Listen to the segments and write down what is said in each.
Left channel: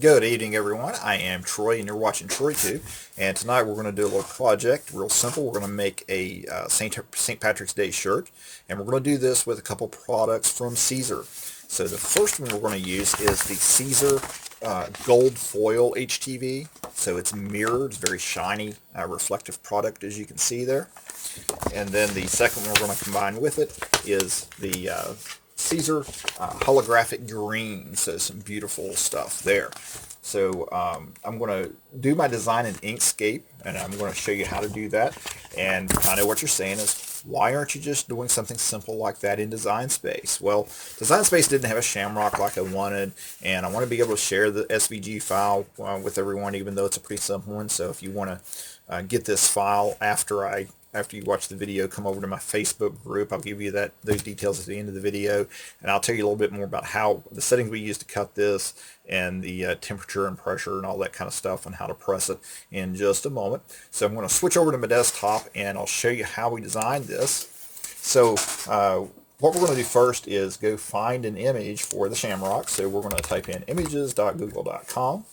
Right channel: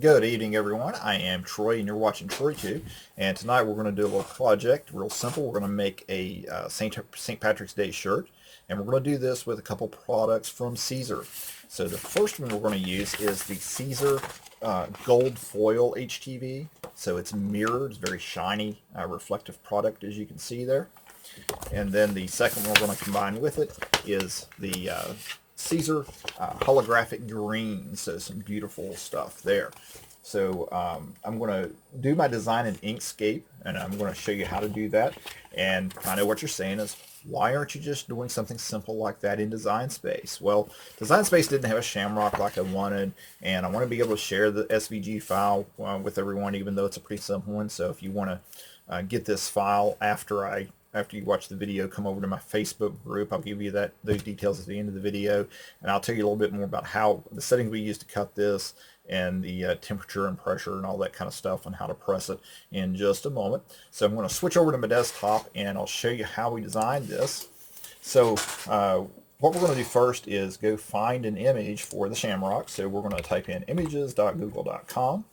Good evening, everyone. I am Troy, and you're watching TroyTube. And tonight we're going to do a little project, real simple. We're going to make a St. Patrick's Day shirt, and we're going to do this with a couple products from Siser. So the first one we're going to use is the Siser Gold Foil HTV. So it's mirrored, it's very shiny, reflective product, as you can see there. And then the second one we're going to combine with it is the Siser Holographic Green. So some beautiful stuff there. So I'm going to do my design in Inkscape, and I'm going to show you how to do that. And I know what you're saying is, why aren't you just doing something simple like that in Design Space? Well, Design Space didn't have a shamrock like I wanted, and I want to be able to share the SVG file with everyone, even though it's a pretty simple one. So if you want to get this file after you watch the video, come over to my Facebook group. I'll give you those details at the end of the video, and I'll tell you a little bit more about how the settings we use to cut this and the temperature and pressure and all that kind of stuff and how to press it in just a moment. So I'm going to switch over to my desktop and I'll show you how we designed this. So what we're going to do first is go find an image for the shamrock. So we're going to type in images.google.com.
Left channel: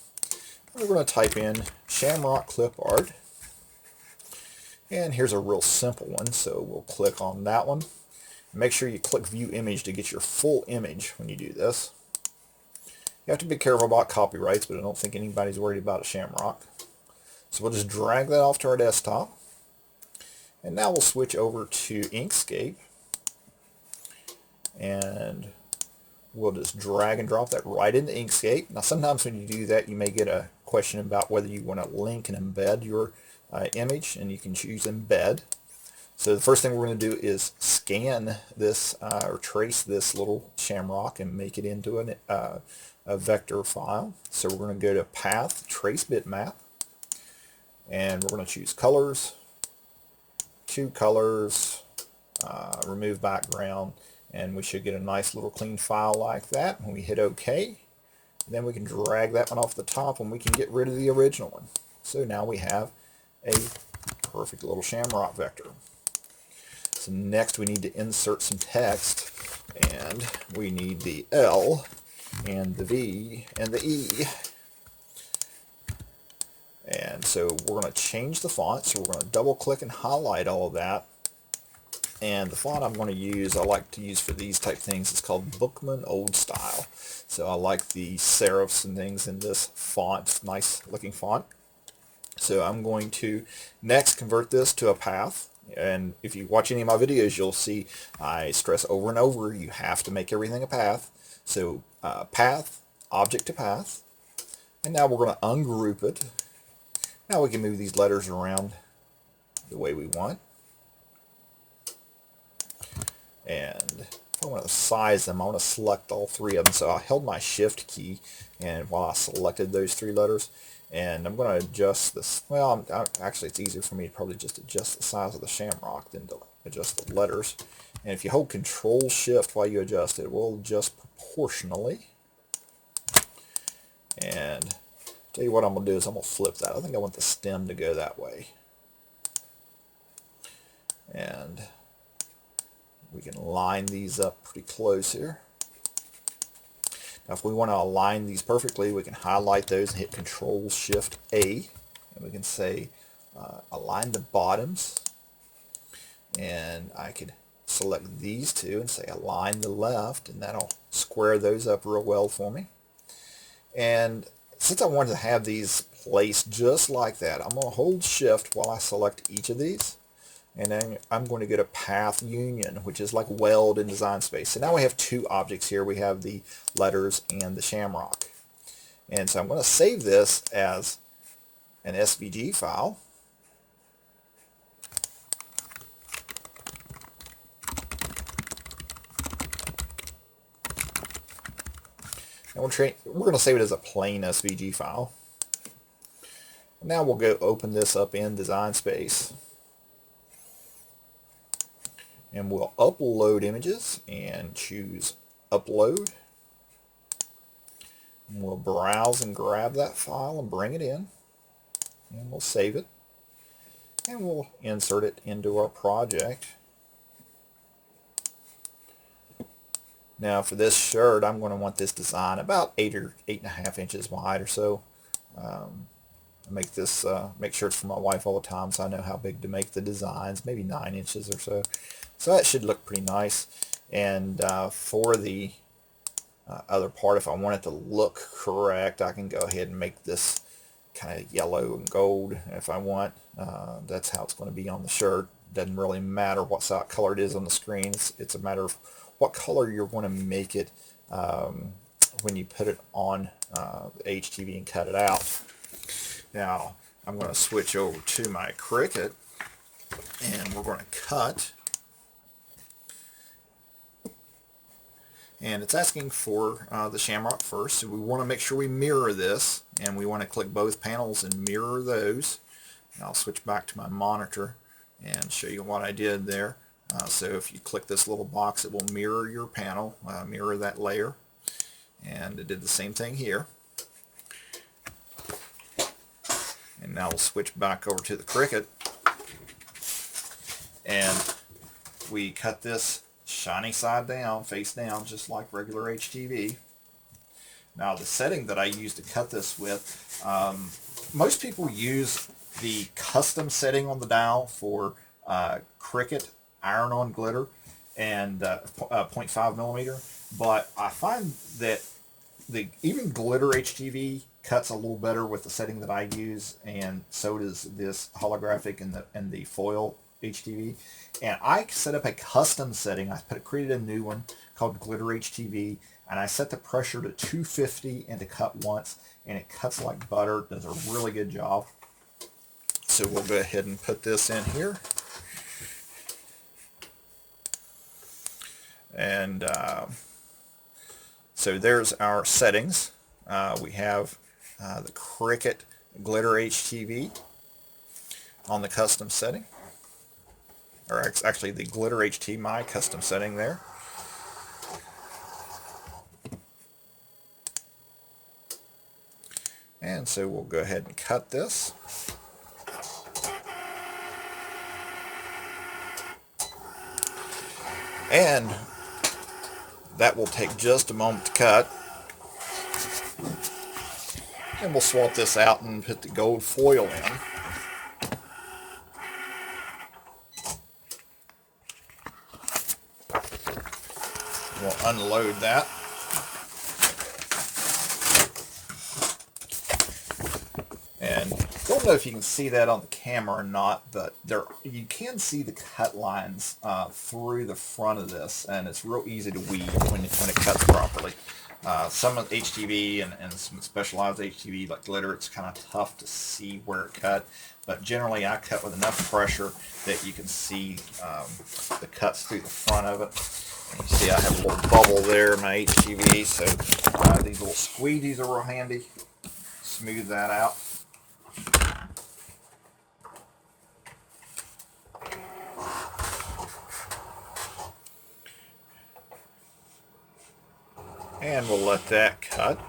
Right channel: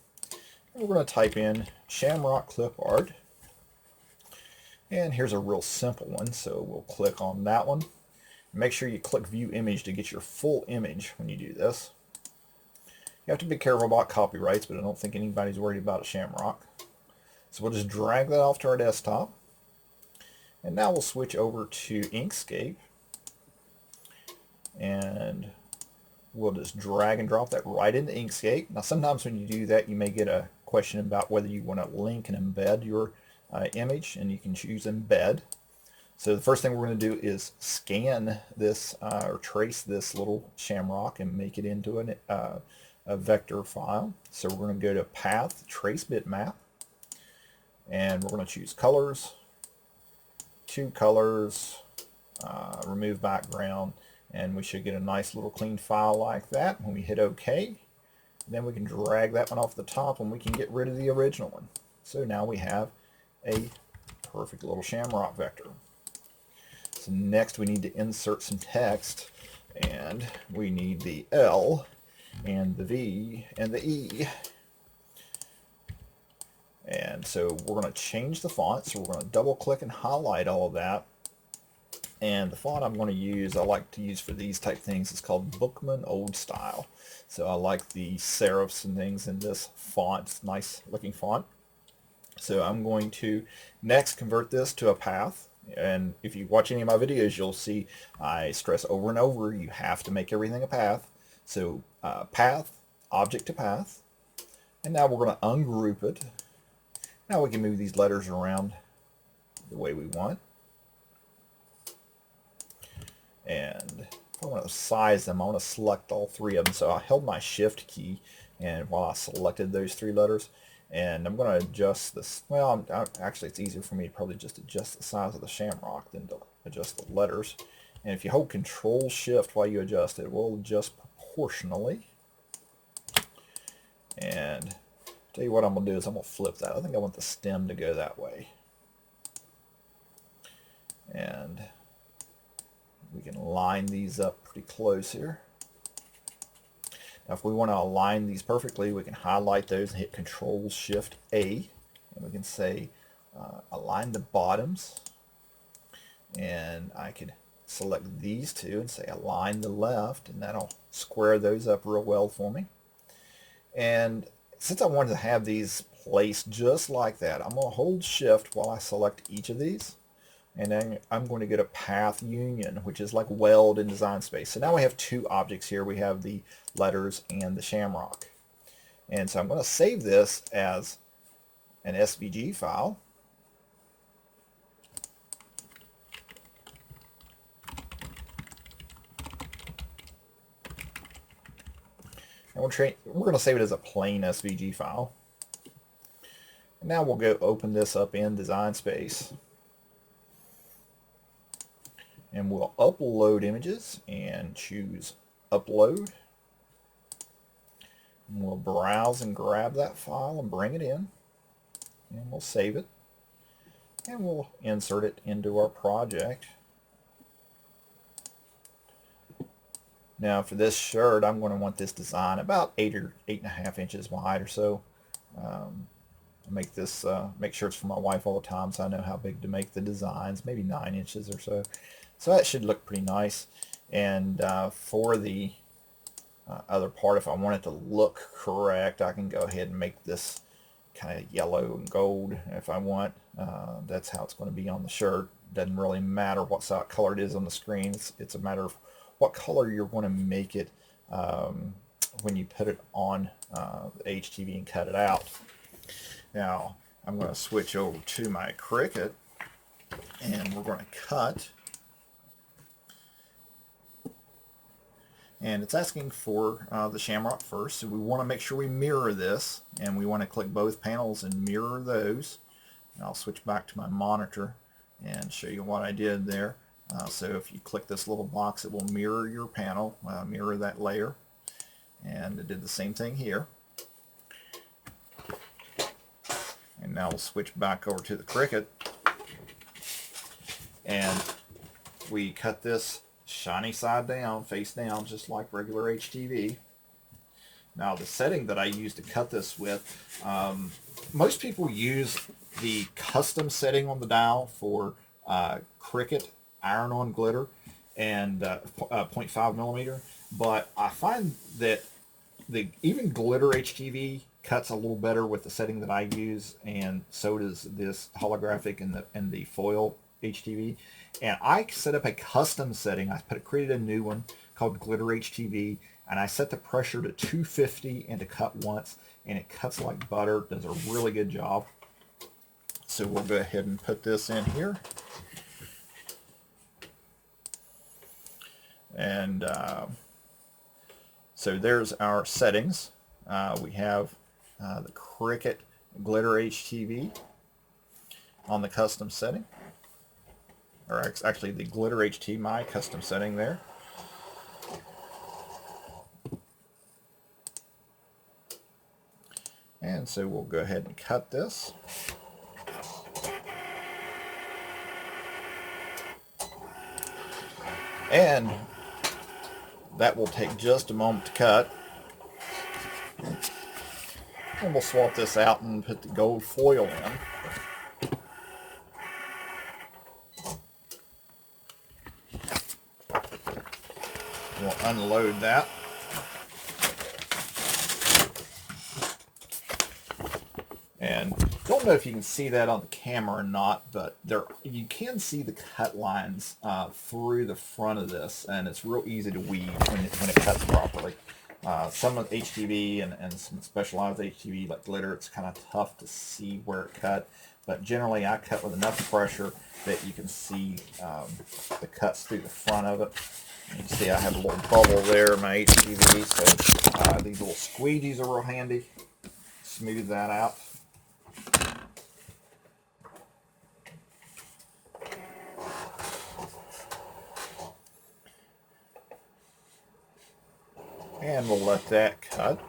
We're going to type in shamrock clip art. And here's a real simple one, so we'll click on that one. Make sure you click View Image to get your full image when you do this. You have to be careful about copyrights, but I don't think anybody's worried about a shamrock. So we'll just drag that off to our desktop. And now we'll switch over to Inkscape. And we'll just drag and drop that right into Inkscape. Now sometimes when you do that, you may get a question about whether you want to link and embed your image, and you can choose embed. So the first thing we're going to do is scan this or trace this little shamrock and make it into a vector file. So we're going to go to Path, Trace Bitmap, and we're going to choose Colors, Two Colors, Remove Background, and we should get a nice little clean file like that. When we hit OK, then we can drag that one off the top and we can get rid of the original one. So now we have a perfect little shamrock vector. So next we need to insert some text, and we need the L and the V and the E. And so we're going to change the font, so we're going to double click and highlight all of that. And the font I'm going to use, I like to use for these type things, is called Bookman Old Style. So I like the serifs and things in this font. It's a nice looking font. So I'm going to next convert this to a path. And if you watch any of my videos, you'll see I stress over and over, you have to make everything a path. So path, object to path. And now we're going to ungroup it. Now we can move these letters around the way we want. And if I want to size them, I want to select all three of them. So I held my shift key, and while I selected those three letters, and I'm going to adjust this. Well, actually it's easier for me to probably just adjust the size of the shamrock than to adjust the letters. And if you hold Control Shift while you adjust it, it will adjust proportionally. And tell you what I'm going to do is I'm going to flip that. I think I want the stem to go that way. And we can line these up pretty close here. Now if we want to align these perfectly, we can highlight those and hit Control Shift A, and we can say align the bottoms, and I could select these two and say align the left, and that'll square those up real well for me. And since I wanted to have these placed just like that, I'm going to hold Shift while I select each of these. And then I'm going to go to Path Union, which is like weld in Design Space. So now we have two objects here. We have the letters and the shamrock. And so I'm going to save this as an SVG file. And we're going to save it as a plain SVG file. And now we'll go open this up in Design Space. And we'll upload images and choose Upload. And we'll browse and grab that file and bring it in. And we'll save it. And we'll insert it into our project. Now for this shirt, I'm going to want this design about 8 or 8.5 inches wide or so. I make this make shirts for my wife all the time, so I know how big to make the designs. Maybe 9 inches or so. So that should look pretty nice. And for the other part, if I want it to look correct, I can go ahead and make this kind of yellow and gold if I want. That's how it's going to be on the shirt. Doesn't really matter what color it is on the screen. It's a matter of what color you're going to make it when you put it on the HTV and cut it out. Now I'm going to switch over to my Cricut, and we're going to cut. And it's asking for the shamrock first, so we want to make sure we mirror this, and we want to click both panels and mirror those. And I'll switch back to my monitor and show you what I did there. So if you click this little box, it will mirror your panel, mirror that layer. And it did the same thing here. And now we'll switch back over to the Cricut. And we cut this shiny side down, face down, just like regular HTV. Now the setting that I use to cut this with, most people use the custom setting on the dial for Cricut iron-on glitter and 0.5 millimeter, but I find that even glitter HTV cuts a little better with the setting that I use, and so does this holographic and the foil HTV. And I set up a custom setting. I created a new one called Glitter HTV, and I set the pressure to 250 and to cut once, and it cuts like butter. Does a really good job. So we'll go ahead and put this in here. And so there's our settings. We have the Cricut Glitter HTV on the custom setting. Or actually the Glitter HT, my custom setting there. And so we'll go ahead and cut this. And that will take just a moment to cut. And we'll swap this out and put the gold foil in. We'll unload that. And I don't know if you can see that on the camera or not, but you can see the cut lines through the front of this, and it's real easy to weed when it cuts properly. Some of HTV and some specialized HTV like glitter, it's kind of tough to see where it cut, but generally I cut with enough pressure that you can see the cuts through the front of it. And you see I have a little bubble there in my HTV, so these little squeegees are real handy. Smooth that out. And we'll let that cut.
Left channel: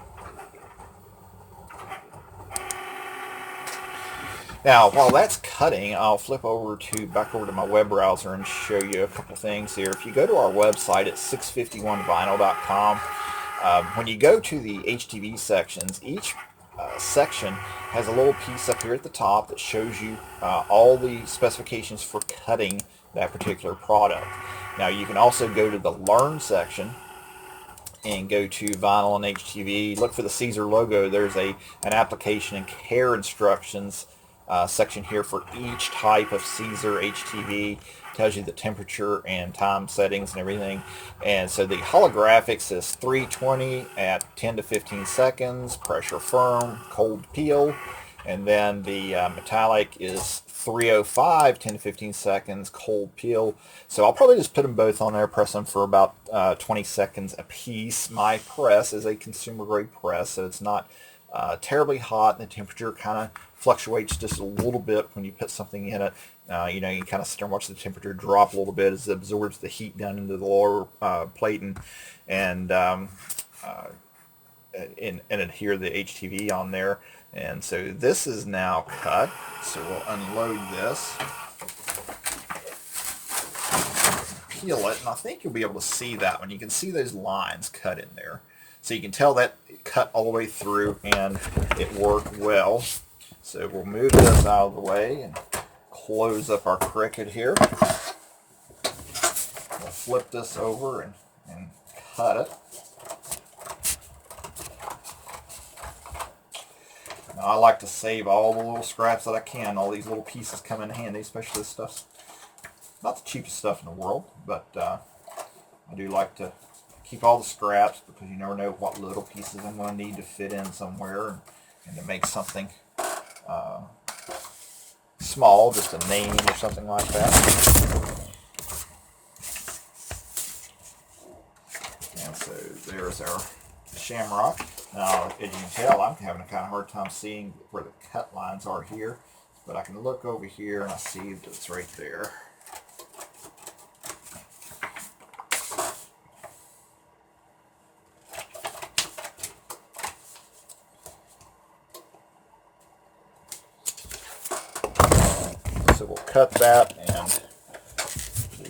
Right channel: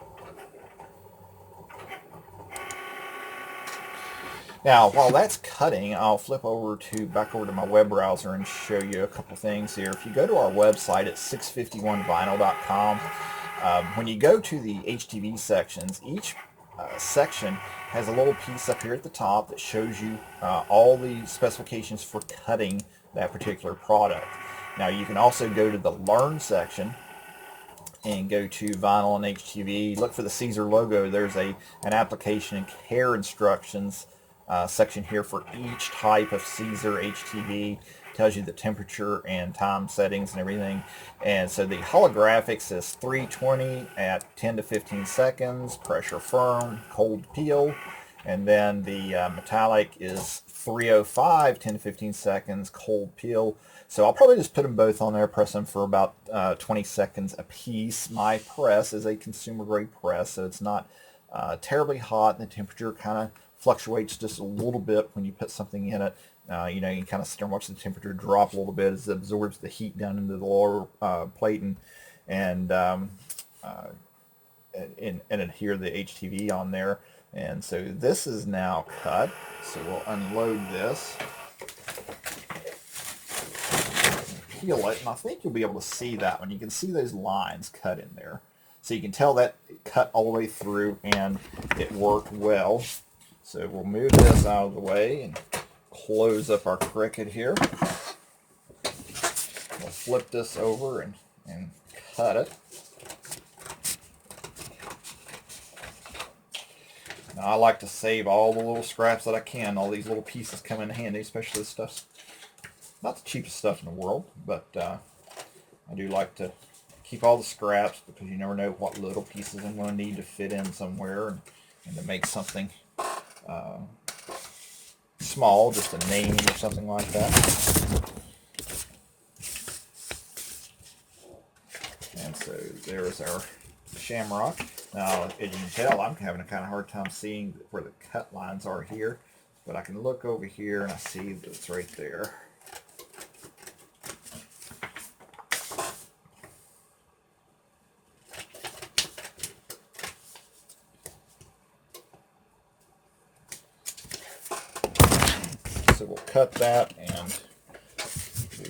Now, while that's cutting, I'll flip back over to my web browser and show you a couple things here. If you go to our website at 651vinyl.com, when you go to the HTV sections, each section has a little piece up here at the top that shows you all the specifications for cutting that particular product. Now, you can also go to the Learn section and go to Vinyl and HTV. Look for the Siser logo. There's an application and care instructions section here for each type of Siser HTV. Tells you the temperature and time settings and everything. And so the holographics is 320 at 10 to 15 seconds, pressure firm, cold peel. And then the metallic is 305, 10 to 15 seconds, cold peel. So I'll probably just put them both on there, press them for about 20 seconds a piece. My press is a consumer grade press, so it's not terribly hot, and the temperature kind of fluctuates just a little bit when you put something in it. You know, you kind of sit there and watch the temperature drop a little bit as it absorbs the heat down into the lower plating, and adhere the HTV on there. And so this is now cut, so we'll unload this. peel it, and I think you'll be able to see that one. You can see those lines cut in there. So you can tell that it cut all the way through and it worked well. So we'll move this out of the way and close up our Cricut here. We'll flip this over and cut it. Now, I like to save all the little scraps that I can. All these little pieces come in handy, especially this stuff's not the cheapest stuff in the world, but I do like to keep all the scraps because you never know what little pieces I'm going to need to fit in somewhere and to make something small, just a name or something like that. And so there's our shamrock. Now, as you can tell, I'm having a kind of hard time seeing where the cut lines are here, but I can look over here and I see that it's right there. So we'll cut that and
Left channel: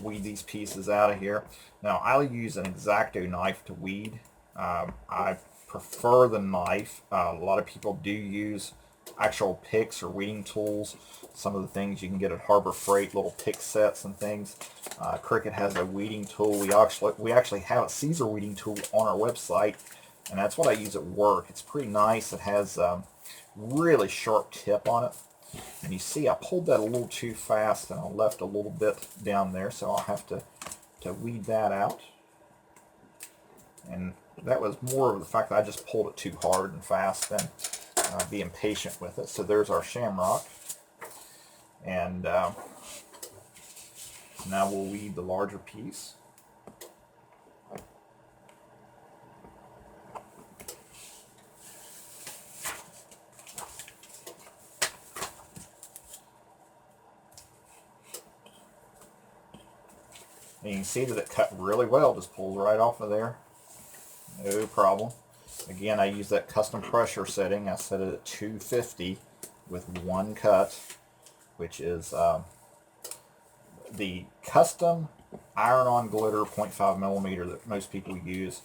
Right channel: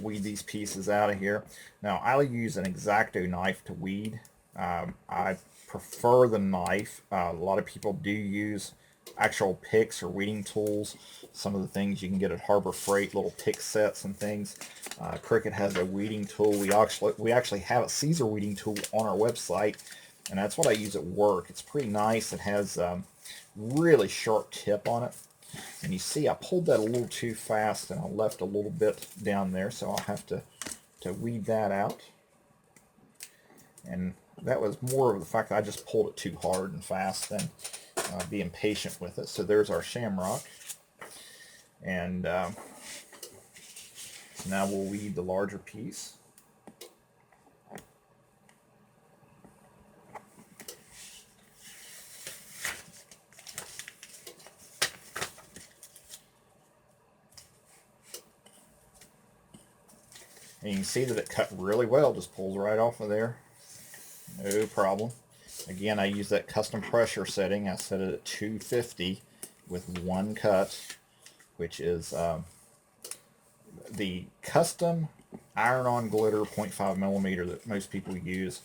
weed these pieces out of here. Now, I'll use an X-Acto knife to weed. I prefer the knife. A lot of people do use actual picks or weeding tools. Some of the things you can get at Harbor Freight, little pick sets and things. Cricut has a weeding tool. We actually have a Siser weeding tool on our website, and that's what I use at work. It's pretty nice. It has a really sharp tip on it. And you see I pulled that a little too fast and I left a little bit down there, so I'll have to weed that out. And that was more of the fact that I just pulled it too hard and fast than being patient with it. So there's our shamrock. And now we'll weed the larger piece. And you can see that it cut really well, just pulls right off of there. No problem. Again, I use that custom pressure setting. I set it at 250 with one cut, which is the custom iron-on glitter 0.5 millimeter that most people use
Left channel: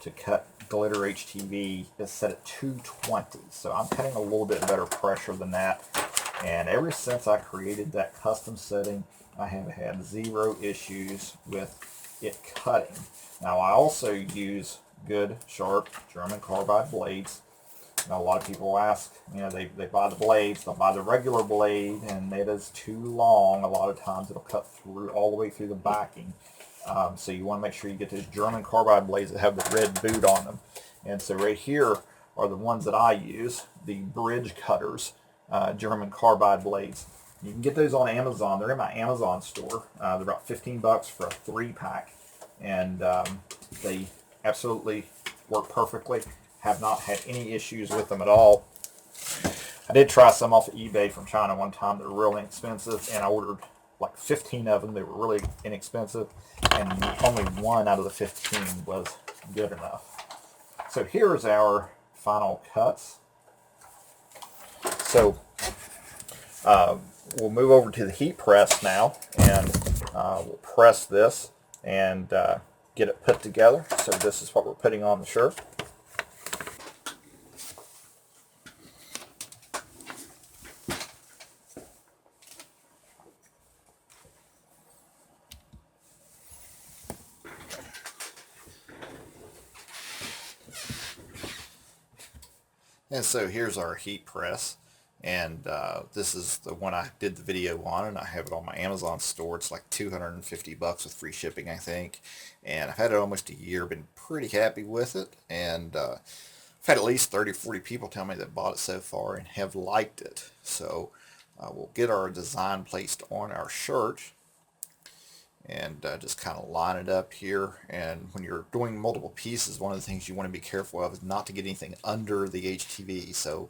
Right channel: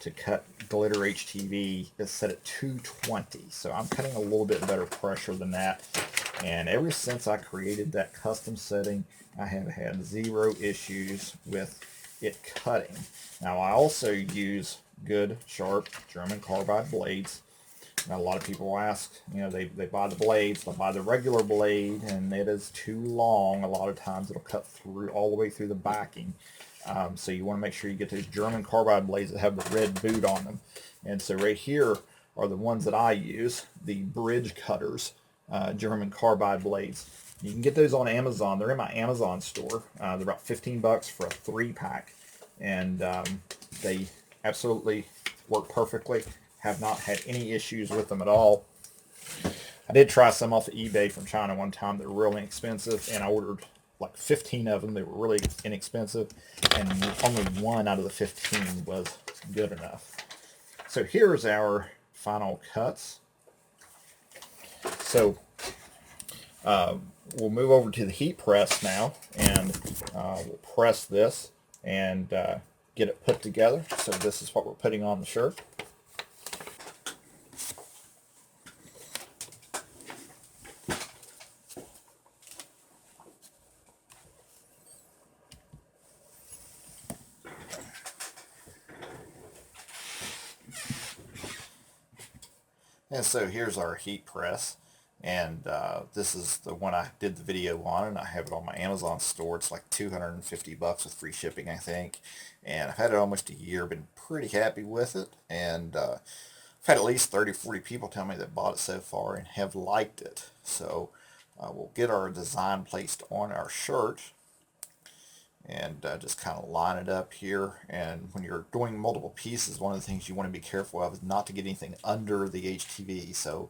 to cut glitter HTV is set at 220. So I'm cutting a little bit better pressure than that. And ever since I created that custom setting, I have had zero issues with it cutting. Now, I also use good, sharp German carbide blades. Now, a lot of people ask, you know, they buy the blades, they'll buy the regular blade, and it is too long. A lot of times it'll cut through all the way through the backing. So you want to make sure you get those German carbide blades that have the red boot on them. And so right here are the ones that I use, the Bridge Cutters German carbide blades. You can get those on Amazon. They're in my Amazon store. They're about 15 bucks for a 3-pack. And they absolutely work perfectly. Have not had any issues with them at all. I did try some off of eBay from China one time. They were really inexpensive, and I ordered like 15 of them. They were really inexpensive, and only one out of the 15 was good enough. So here's our final cuts. So we'll move over to the heat press now, and we'll press this and get it put together. So this is what we're putting on the shirt. And so here's our heat press, and this is the one I did the video on, and I have it on my Amazon store. It's like 250 bucks with free shipping, I think, and I've had it almost a year, been pretty happy with it, and I've had at least 30 or 40 people tell me that bought it so far and have liked it. So we'll get our design placed on our shirt, and just kind of line it up here. And when you're doing multiple pieces, one of the things you want to be careful of is not to get anything under the HTV. So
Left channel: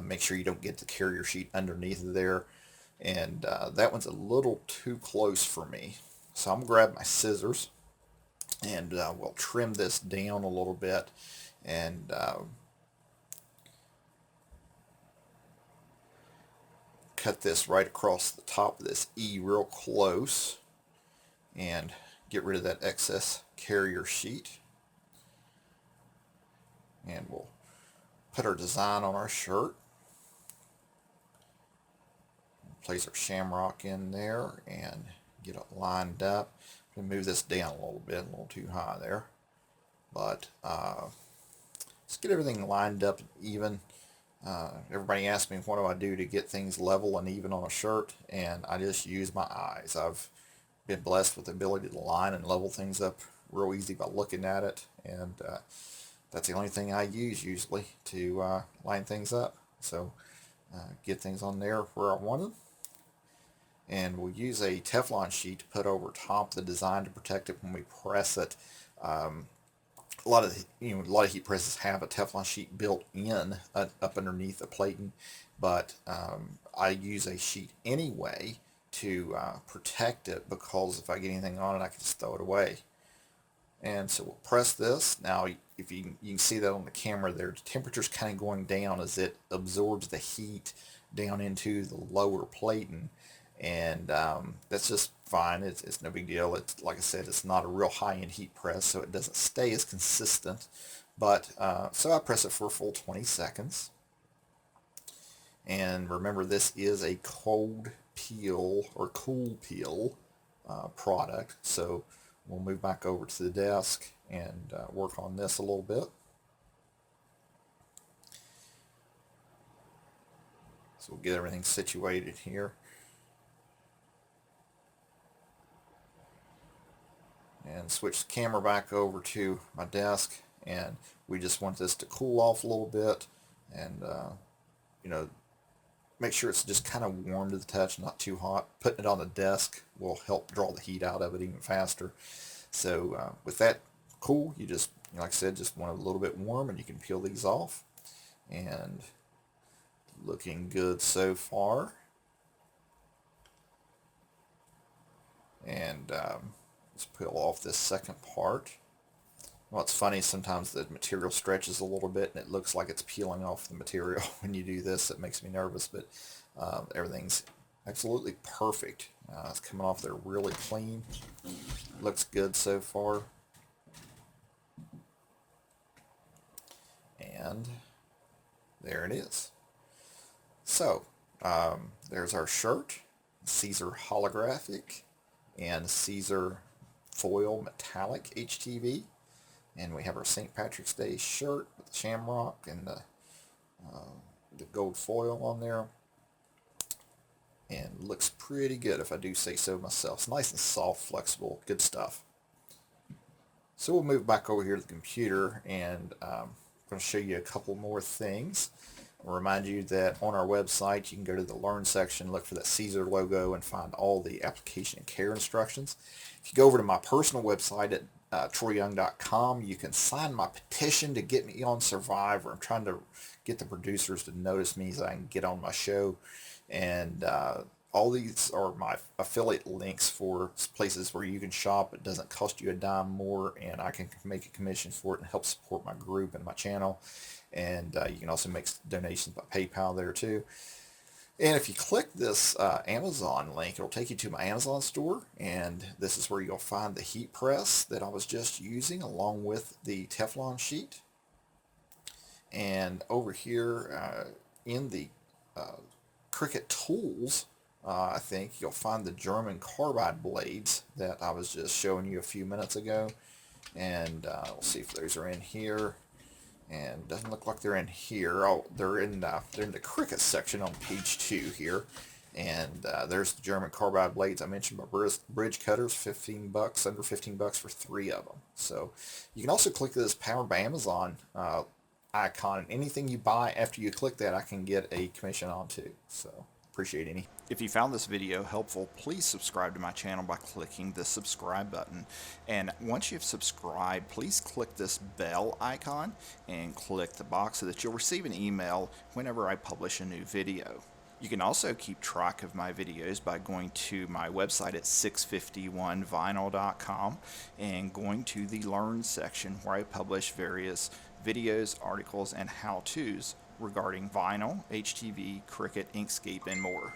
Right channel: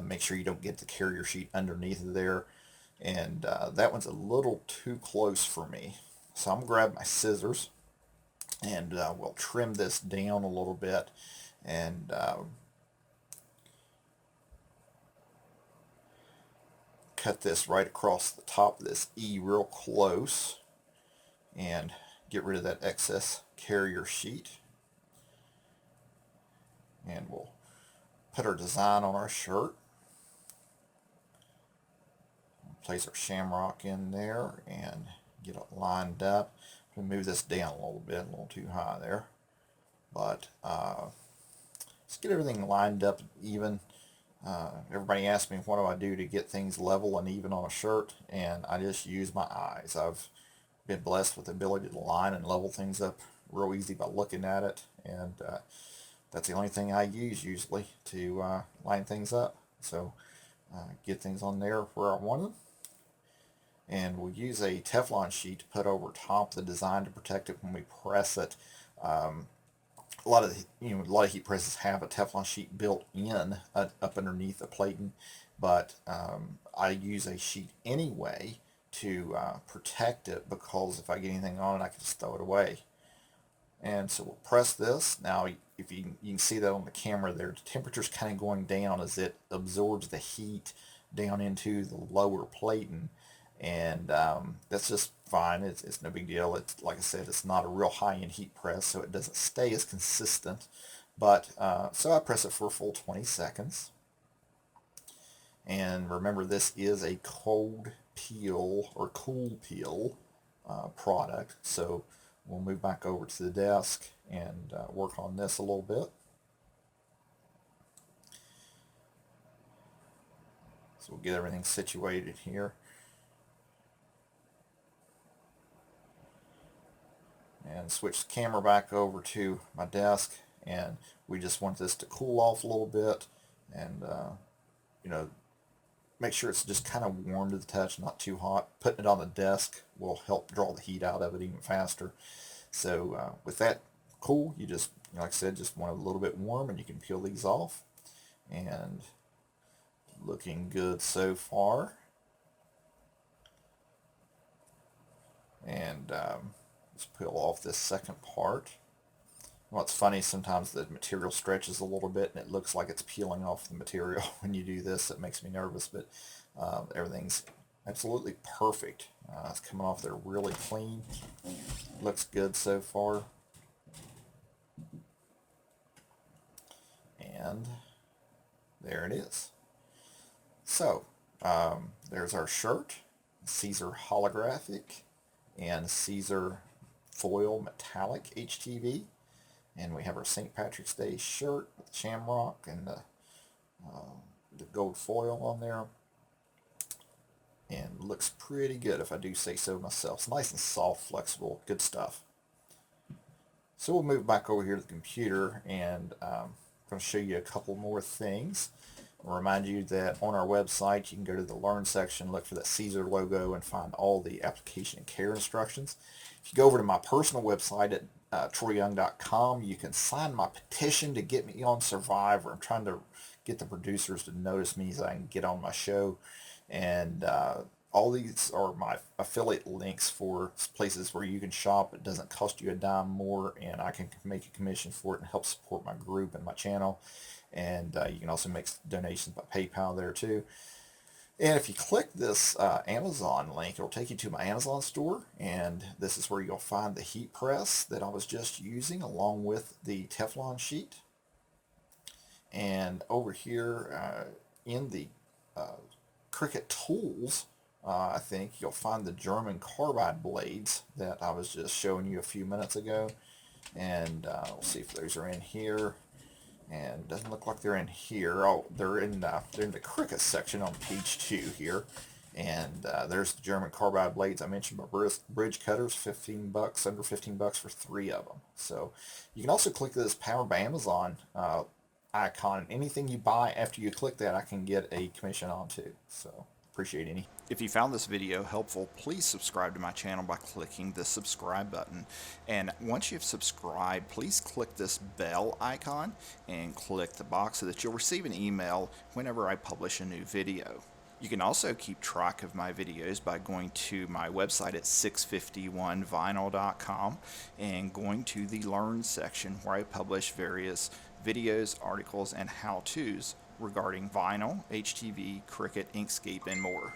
make sure you don't get the carrier sheet underneath there. And that one's a little too close for me. So I'm going to grab my scissors, and we'll trim this down a little bit, and cut this right across the top of this E real close, and get rid of that excess carrier sheet. And we'll put our design on our shirt. Place our shamrock in there and get it lined up. I'm going to move this down a little bit, a little too high there. But let's get everything lined up and even. Everybody asks me what do I do to get things level and even on a shirt, and I just use my eyes. I've been blessed with the ability to line and level things up real easy by looking at it, and that's the only thing I use usually to line things up. So get things on there where I want them. And we'll use a Teflon sheet to put over top of the design to protect it when we press it. A lot of heat presses have a Teflon sheet built in up underneath the plating, but I use a sheet anyway to protect it, because if I get anything on it, I can just throw it away. And so we'll press this. Now, if you can see that on the camera there, the temperature's kind of going down as it absorbs the heat down into the lower plating. And that's just fine. It's no big deal. It's, like I said, it's not a real high-end heat press, so it doesn't stay as consistent. But so I press it for a full 20 seconds. And remember, this is a cold peel or cool peel product. So we'll move back over to the desk and work on this a little bit. So we'll get everything situated here. And switch the camera back over to my desk, and we just want this to cool off a little bit, and make sure it's just kind of warm to the touch, not too hot. Putting it on the desk will help draw the heat out of it even faster. So with that cool, you just, like I said, just want it a little bit warm, and you can peel these off. And looking good so far. And let's peel off this second part. Well, it's funny, sometimes the material stretches a little bit and it looks like it's peeling off the material when you do this. It makes me nervous, but everything's absolutely perfect. It's coming off there really clean. Looks good so far. And there it is. So there's our shirt, Siser Holographic and Siser Foil Metallic HTV. And we have our St. Patrick's Day shirt with the shamrock and the gold foil on there. And looks pretty good, if I do say so myself. It's nice and soft, flexible, good stuff. So we'll move back over here to the computer, and I'm going to show you a couple more things. I'll remind you that on our website, you can go to the Learn section, look for that Siser logo, and find all the application and care instructions. If you go over to my personal website at troyyoung.com, you can sign my petition to get me on Survivor. I'm trying to get the producers to notice me so I can get on my show. And all these are my affiliate links for places where you can shop. It doesn't cost you a dime more, and I can make a commission for it and help support my group and my channel. And you can also make donations by PayPal there too. And if you click this Amazon link, it'll take you to my Amazon store, and this is where you'll find the heat press that I was just using along with the Teflon sheet. And over here in the Cricut tools, I think you'll find the German carbide blades that I was just showing you a few minutes ago. And we'll see if those are in here. And doesn't look like they're in here. Oh, they're in the Cricut section on page 2 here. And there's the German carbide blades I mentioned, my bridge cutters, $15, under $15 for 3 of them. So you can also click this Powered by Amazon icon. Anything you buy after you click that, I can get a commission on too. So appreciate any. If you found this video helpful, please subscribe to my channel by clicking the subscribe button. And once you've subscribed, please click this bell icon and click the box so that you'll receive an email whenever I publish a new video. You can also keep track of my videos by going to my website at 651vinyl.com and going to the Learn section, where I publish various videos, articles, and how-tos regarding vinyl, HTV, Cricut, Inkscape, and more.